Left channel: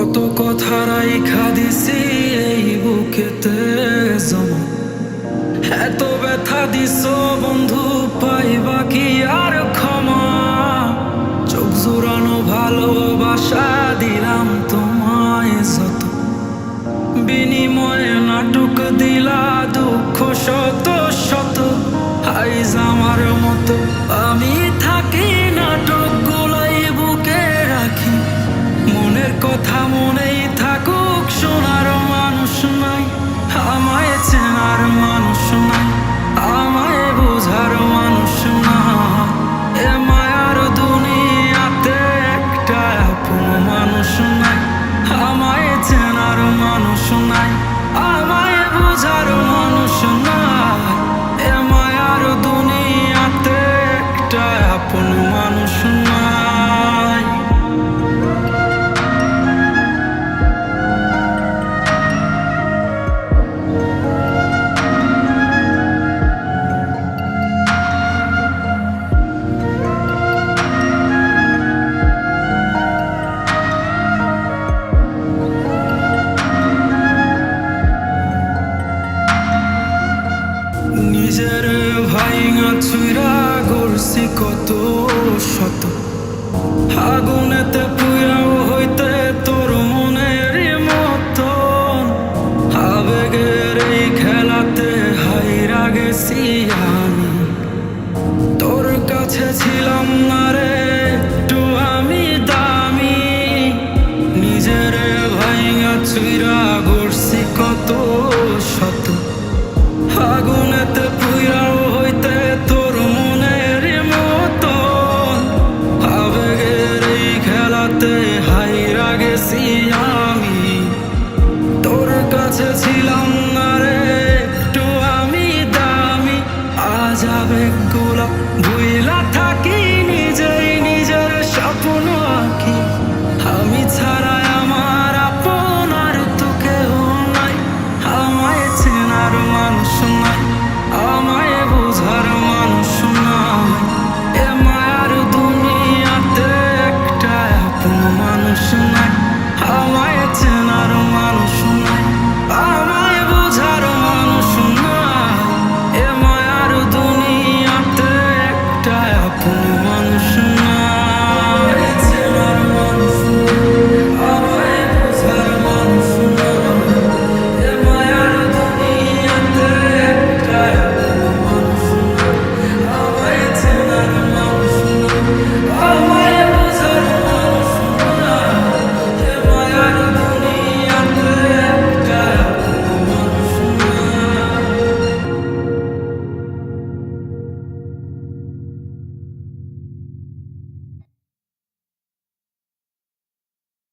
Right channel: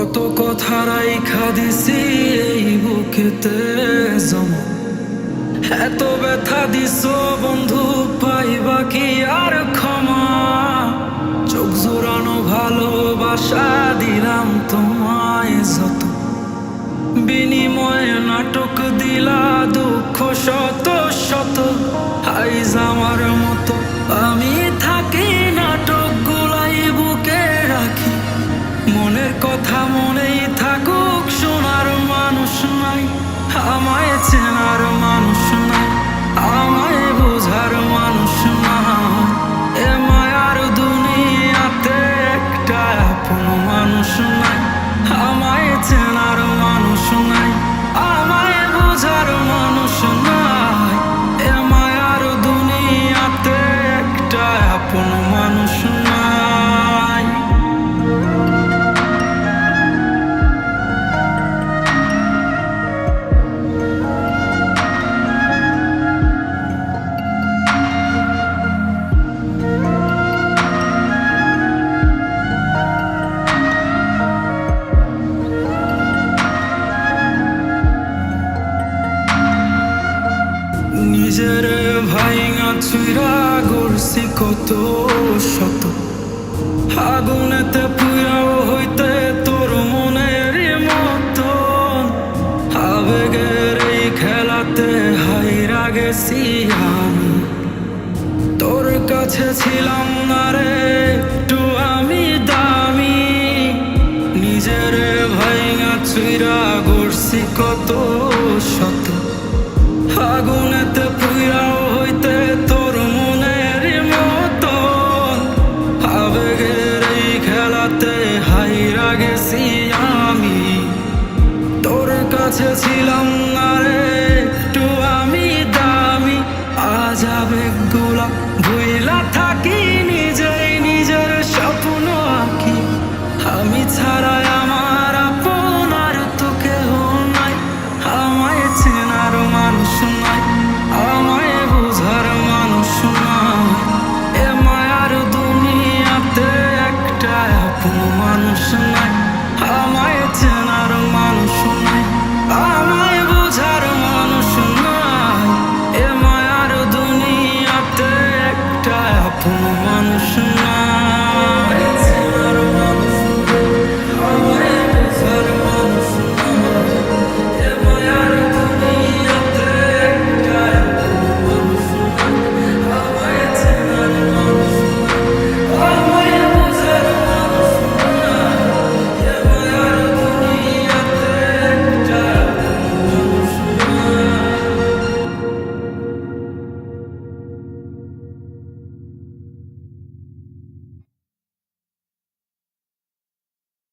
কত কথা রাইখা দিছি এই বুকেতে জমা, এত ব্যথা দিছ বন্ধু, পাইবা কি আর ক্ষমা? চোখ জোড়ানো ভালোবাসা দিলাম তোমায় যত, বিনিময়ে নাটক দিলা দুঃখ শত শত। আইজ আমার মতো আমি থাকি, নাটক গুলাই বুকে রাখি, মনের কথা মনেই থাকুক, শোনার মানুষ নাই, আমায় চেনার মানুষ নাই, আমায় বোঝার মানুষ নাই। এ মায়ার দুনিয়াতে একটা আপন মানুষ নাই, আমায় চেনার মানুষ নাই, আমায় বোঝার মানুষ নাই। এ মায়ার দুনিয়াতে একটা আপন মানুষ নাই। নিজের ভাইঙা চুইরা গড়ছি কত শত, আগুনেতে পুইরাও হইতে তোর মনের মতন, আবেগের এই খেলাতে হাইরা গেছি আমি, তোর কাছে ছিলাম না রে একটু আমি দামি। নিজের ভাইঙা চুইরা গড়ছি কত শত, আগুনেতে পুইরাও হইতে তোর মনের মতন, আবেগের এই খেলাতে হাইরা গেছি আমি, তোর কাছে ছিলাম না রে একটু আমি দামি। আজ আবেগগুলা ভুইলা থাকি, নিজেই নিজের স্বপ্ন আঁকি, আমি ছাড়াই আমার আপন আর তো কেউ নাই, আমায় চেনার মানুষ নাই, আমায় বোঝার মানুষ নাই। এ মায়ার দুনিয়াতে একটা আপন মানুষ নাই, আমায় চেনার মানুষ নাই।